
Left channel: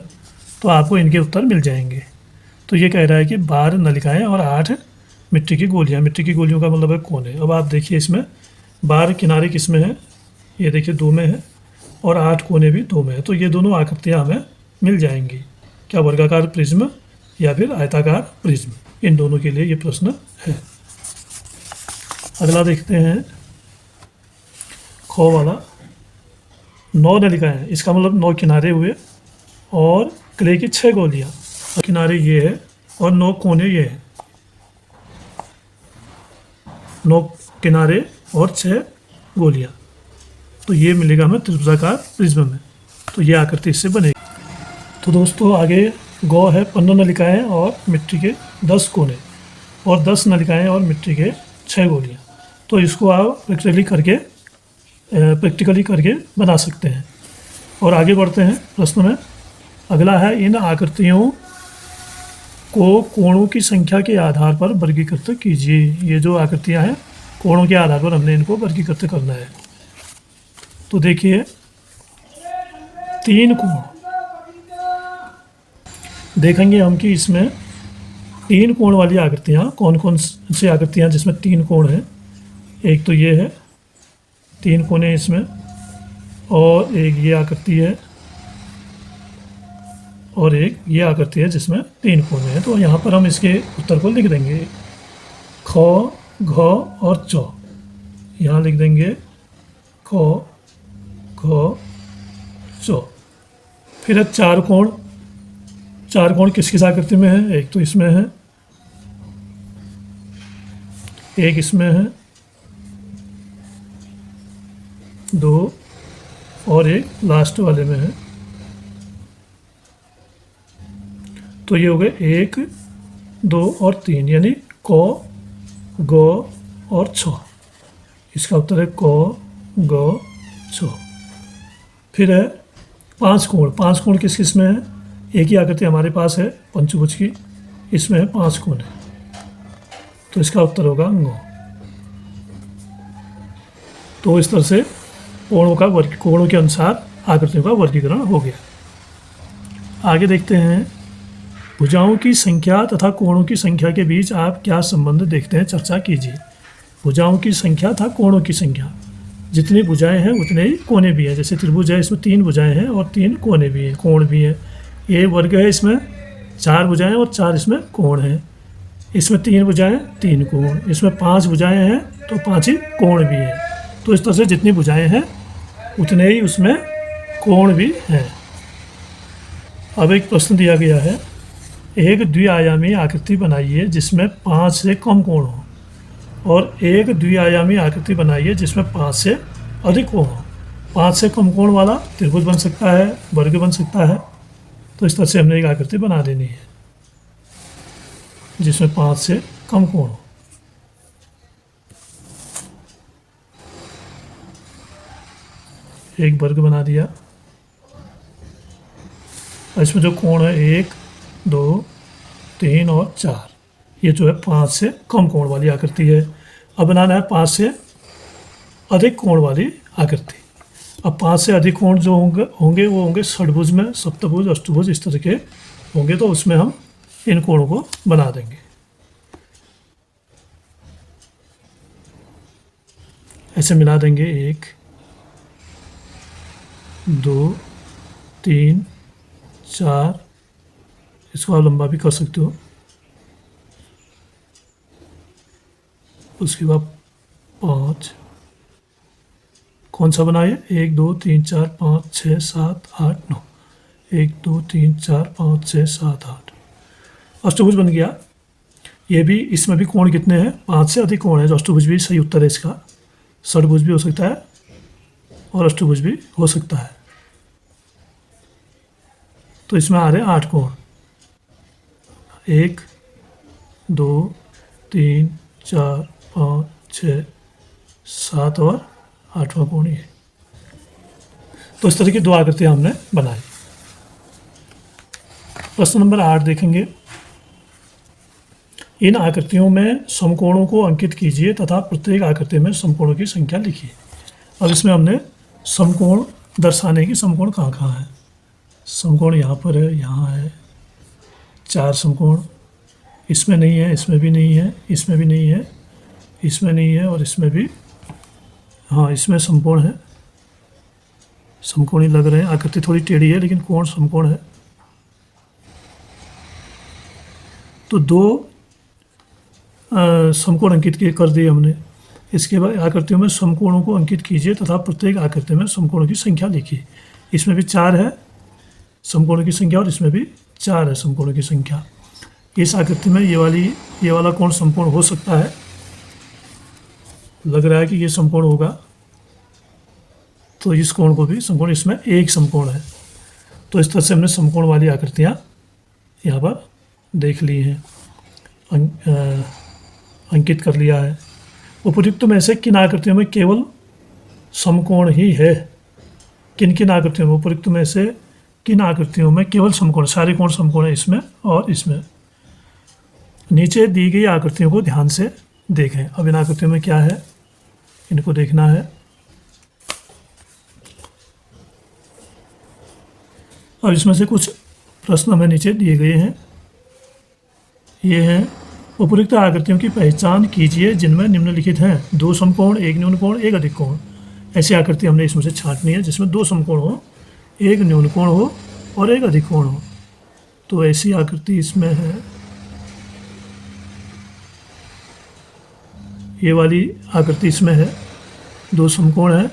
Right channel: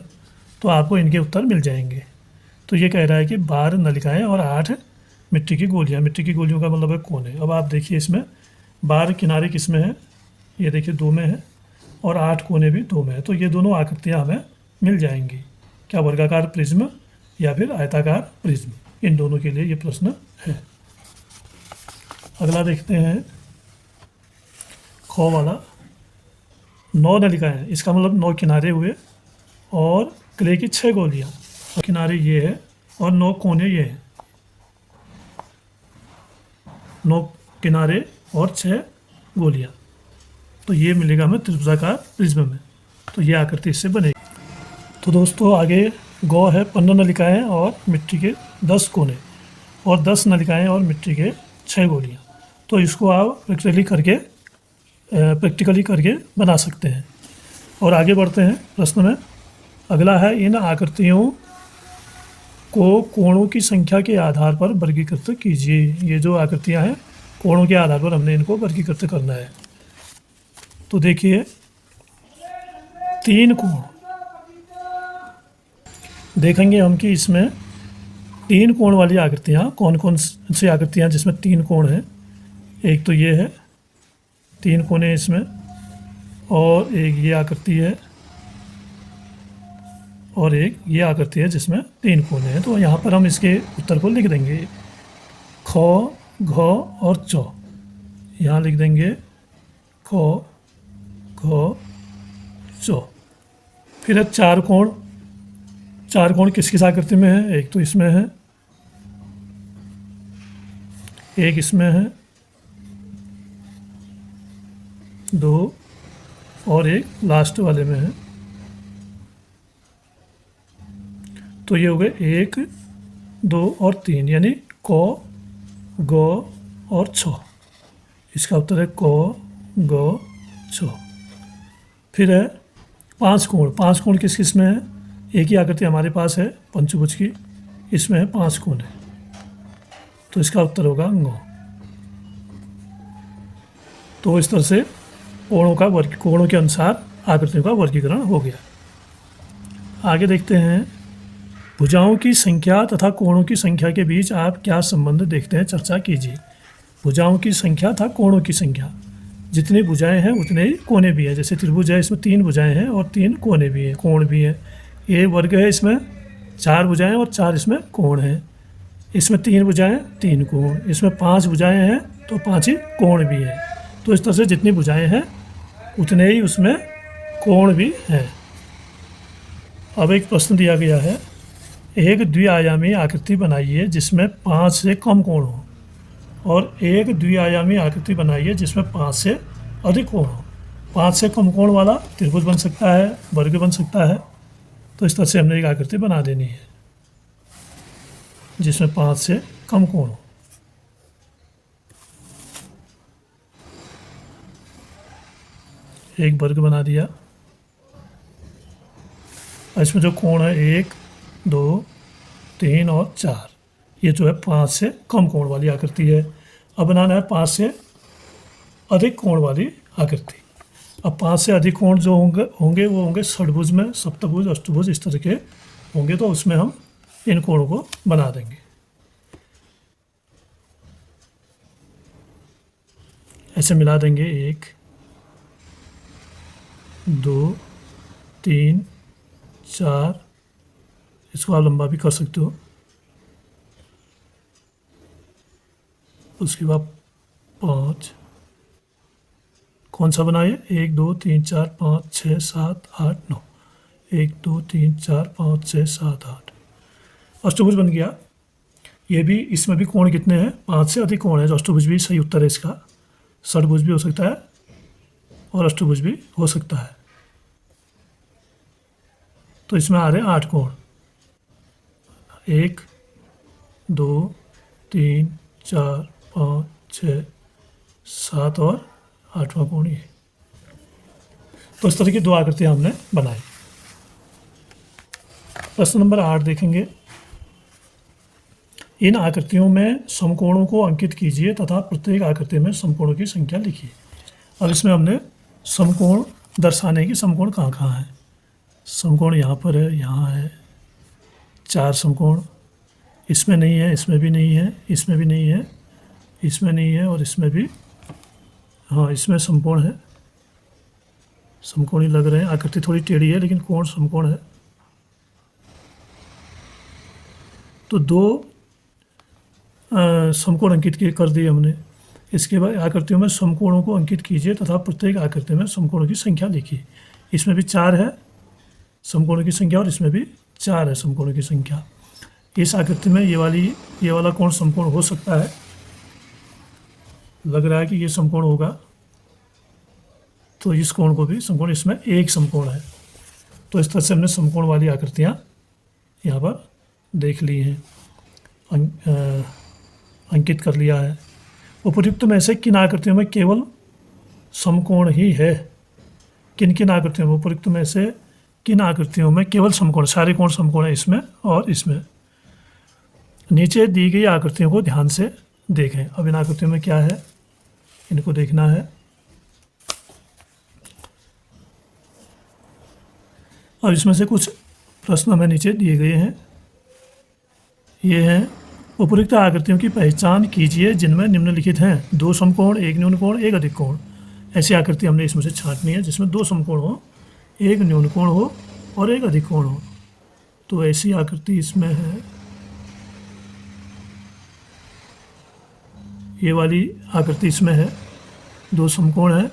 तो आपको इनके उत्तर मिल जाएंगे। तो ये कह रहा है कि बार, नलिकाएं और 8 मिट्टी की गोलियां। मिट्टी की गोलियों का मतलब है कोने। अब आप देखिए, इसमें बार किनारे किस में है, ये देखिए 2 में है, और 8 कोने भी 2 में है। तो ये दोनों आकृतियाँ हमें मिल जाएंगी। क्या वर्गाकार प्रिज्म या फिर आयताकार प्रिज्म, इन दोनों के लिए ये प्रश्न है। अगला देखते हैं, ख वाला, 9 नलिकाएं, इसका मतलब 9 किनारे हुए और क्ले की 6 गोलियां। किनारे ये है और 9 कोने ये है, 9 किनारे और 6 गोलियां। तो ये मिलेगा हमें त्रिभुजाकार प्रिज्म में। तो ये आकृति इससे बनेगी। तो दोस्तों आगे गौ है, 15 नलिकाएं और मिट्टी के 10 कोने और 10 नलिकाएं और मिट्टी के 6 गोलियां। तो इसको आप प्रैक्टिकली करके बना सकते हैं। और आगे बढ़ते हैं प्रश्न में। अगला है, इन आकृतियों को कोणों की संख्या के आधार पर वर्गीकृत कीजिए। ये जो आकृतियां हैं, कोणों के आधार पर हमने इनको वर्गीकृत करना है। तो देखिए, 3 कोण देखेंगे हम कि इसमें 3 कोण वाली आकृतियाँ कौन कौन सी आकृतियाँ जिसमें 3 कोण हैं। एक तो ये है, 3 कोने इसमें, और एक ये आकृति है, और एक ये आकृति है जिसमें 3 कोने हैं। तो यहाँ पर हम इसके उत्तर को लिख देंगे, ख, घ और च। यहाँ लिख देंगे ख, घ, च। फिर है 4 कोण। 4 कोण किस किस आकृति में है, एक तो इसमें है, एक इसमें है, 2 और एक लास्ट वाले में है। तो ये हो गए 1 2 और 3, यानी क, ग, और छ। इसका उत्तर है क, ग, छ। फिर है पांच कोण। पांच कोण किस किस में है? एक ही आकृति हमारे पास है पंचभुज की, इसमें है पांच कोण है, तो इसका उत्तर होगा ग। तो इस तरह से कोणों के अनुसार आकृतियों का वर्गीकरण हो गया। आगे देखते हैं, भुजाओं की संख्या तथा कोणों की संख्या के बीच आप क्या संबंध देखते हैं, चर्चा कीजिए। भुजाओं की संख्या तथा कोणों की संख्या, जितनी भुजाएं हैं उतने ही कोने भी हैं। जैसे त्रिभुज है, इसमें 3 भुजाएं हैं और 3 कोने भी हैं, कोण भी हैं। ये वर्ग है, इसमें 4 भुजाएं और 4 इसमें कोण हैं। इसमें 3 भुजाएं, 3 कोण। इसमें 5 भुजाएं हैं तो 5 ही कोण भी हैं। तो इस तरह से जितनी भुजाएं हैं उतने ही उसमें कोण भी हैं। अब एक प्रश्न दिया गया है, एक द्विआयामी आकृति बनाइए जिसमें 5 से कम कोण हो, और एक द्विआयामी आकृति बनाइए जिसमें 5 से अधिक कोण हो। 5 से कम कोण वाला त्रिभुज बन सकता है, वर्ग बन सकता है। तो इस तरह से हमने एक आकृति बना देनी है जिसमें 5 से कम कोण हो। एक वर्ग बना दिया। इसमें जो कोण है 1, 2, 3 और 4, ये जो है 5 से कम कोण वाली आकृति है। अब बनाना है 5 से अधिक कोण वाली आकृति। अब 5 से अधिक कोण जो होंगे वो होंगे षडभुज में, सप्तभुज, अष्टभुज, इस तरह के होंगे। तो उसमें हम इन कोणों को बना देंगे। ऐसे मिला देंगे 1, 2, 3, 4, इसको आप लंबा भी कर सकते हो। उसके बाद 5, कौन सा बनाए? 1, 2, 3, 4, 5, 6, 7, 8, 9। 1, 2, 3, 4, 5, 6, 7, 8, अष्टभुज बन गया। ये भी, इसमें भी कोण कितने हैं? 5 से अधिक कोण है, जो अष्टभुज भी सही उत्तर है इसका। षडभुज भी हो सकता है और अष्टभुज भी हो सकता है। तो इसमें आ रहे हैं 8 कोण। 1, 2, 3, 4, 5, 6, 7 और 8वां कोण ये। तो इस तरह की 2 आकृतियां हमने बनाई। प्रश्न नंबर 8 देखेंगे, इन आकृतियों में समकोणों को अंकित कीजिए तथा प्रत्येक आकृति में समकोणों की संख्या लिखिए। अब इसमें हमने समकोण दर्शाने की, समकोण कहाँ कहाँ है? समकोण यहाँ पर है, यहाँ है, 4 समकोण। इसमें नहीं है, इसमें भी नहीं है, इसमें भी नहीं है, इसमें नहीं है और इसमें भी, हाँ इसमें समकोण है। समकोणी लग रहे हैं, आकृति थोड़ी टेढ़ी है लेकिन कोण समकोण है। तो 2 समकोण अंकित कर दिए हमने। इसके बाद आकृतियों में समकोणों को अंकित कीजिए तथा प्रत्येक आकृति में समकोणों की संख्या लिखिए। इसमें भी 4 है समकोणों की संख्या और इसमें भी 4 है समकोणों की संख्या। इस आकृति में ये वाला कोण समकोण हो सकता है, लग रहा है कि ये समकोण होगा, तो इस कोण को भी समकोण, इसमें एक समकोण है। तो इस तरह से हमने समकोण वाली आकृतियाँ यहाँ पर देख ली हैं, अंकित कर लिया है। उपयुक्त में से किन आकृतियों में केवल समकोण ही है? किन किन आकृतियों में, उपयुक्त में से किन आकृतियों में केवल समकोण? सारे कोण समकोण है इसमें और इसमें। नीचे दी गई आकृतियों को ध्यान से देखें। अब इन आकृतियों में क्या है, इनको देखना है। और इसमें से कुछ प्रश्न हमें नीचे दिए गए हैं। ये है, उपयुक्त आकृतियों की पहचान कीजिए जिनमें निम्नलिखित हैं: 2 समकोण, 1 न्यून कोण, 1 अधिक कोण। ऐसी आकृति हमने इसमें से छांटनी है जिसमें 2 समकोण हो, 1 न्यून कोण हो और 1 अधिक कोण हो। तो ऐसी आकृति इसमें है, ये वाली आकृति इसमें है, 2 समकोण है,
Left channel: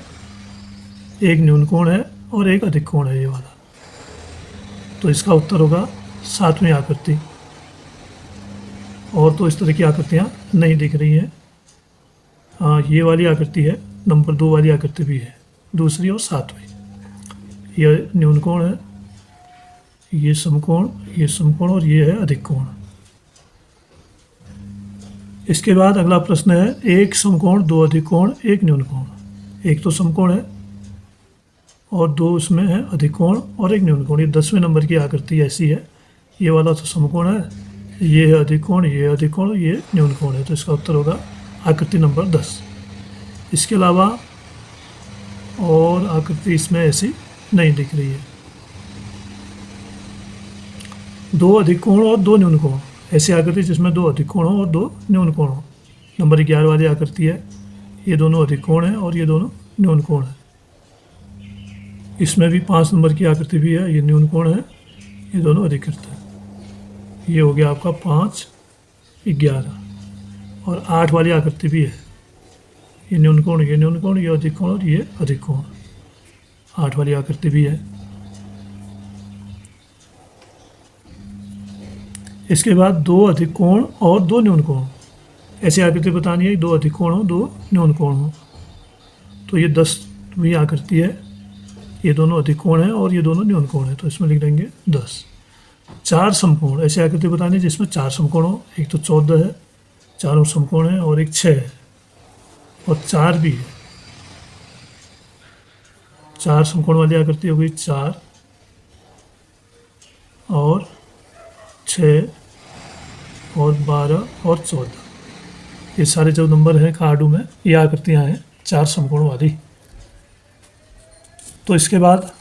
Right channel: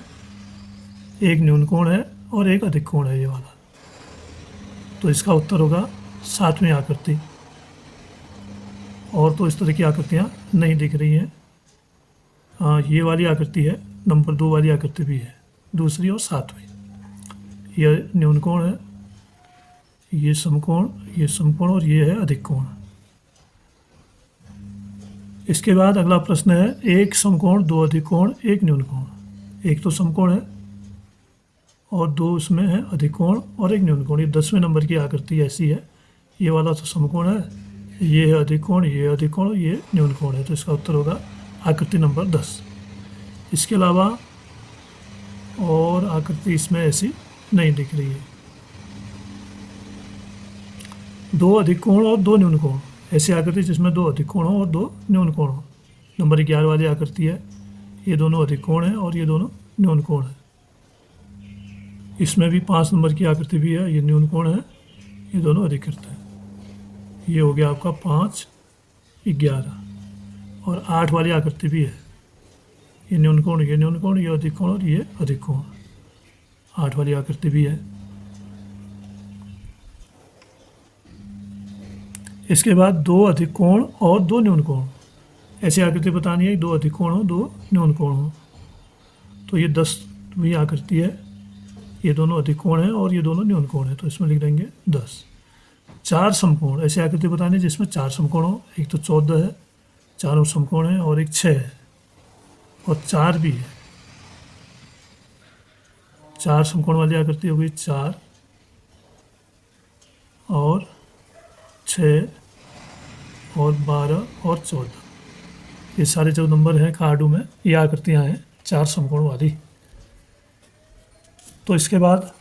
1 न्यून कोण है और 1 अधिक कोण है ये वाला। तो इसका उत्तर होगा 7वीं आकृति। और तो इस तरह की आकृतियाँ नहीं दिख रही है। हाँ, ये वाली आकृति है, नंबर 2 वाली आकृति भी है, दूसरी और 7वीं। यह न्यून कोण है, ये समकोण और ये है अधिक कोण। इसके बाद अगला प्रश्न है, एक समकोण, दो अधिकोण, एक न्यूनकोण। एक तो समकोण है और दो उसमें है अधिकोण और एक न्यूनकोण। ये 10वें नंबर की आकृति ऐसी है। ये वाला तो समकोण है, ये है अधिकोण, ये अधिकोण, ये न्यूनकोण है। तो इसका उत्तर होगा आकृति नंबर 10। इसके अलावा और आकृति इसमें ऐसी नहीं दिख रही है। दो अधिकोण और दो न्यूनकोण, ऐसी आकृति जिसमें दो अधिकोण हो और दो न्यूनकोण हो। नंबर 11 वाली आकृति है। ये दोनों अधिकोण है और ये दोनों न्यूनकोण है। इसमें भी 5 नंबर की आकृति भी है। ये न्यूनकोण है, ये दोनों अधिकृत है। ये हो गया आपका 5, 11। और 8 वाली आकृति भी है। ये न्यूनकोण, ये न्यूनकोण, ये अधिकोण और ये अधिकोण। 8 वाली आकृति भी है। इसके बाद दो अधिकोण और दो न्यूनकोण, ऐसी आकृति बतानी है, दो अधिकोण हो, दो न्यूनकोण हो। तो ये 10वीं आकृति है। ये दोनों अधिकोण है और ये दोनों न्यूनकोण है। तो इसमें लिख देंगे 10। 4 समकोण, ऐसी आकृति बतानी है जिसमें 4 समकोण हो। एक तो 14 है, चारों समकोण है, और एक 6 है और 4 भी है। 4 समकोण वाली आकृति हो गई 4 और 6 और 12 और 14। ये सारे जो नंबर हैं कार्डों में, ये आकृतियाँ हैं 4 समकोण वाली। तो इसके बाद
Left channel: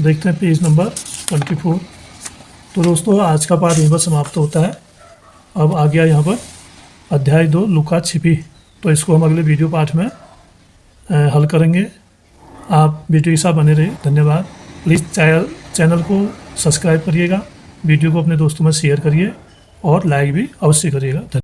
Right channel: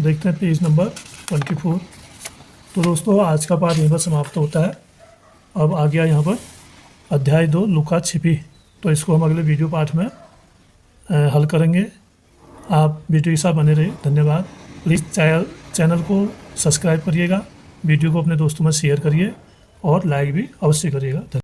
देखते हैं पेज नंबर 24। तो दोस्तों आज का पाठ यहीं पर समाप्त होता है। अब आ गया यहाँ पर अध्याय 2 लुका छिपी। तो इसको हम अगले वीडियो पाठ में हल करेंगे। आप वीडियो के साथ बने रहिए। धन्यवाद। प्लीज़ चैनल को सब्सक्राइब करिएगा, वीडियो को अपने दोस्तों में शेयर करिए और लाइक भी अवश्य करिएगा।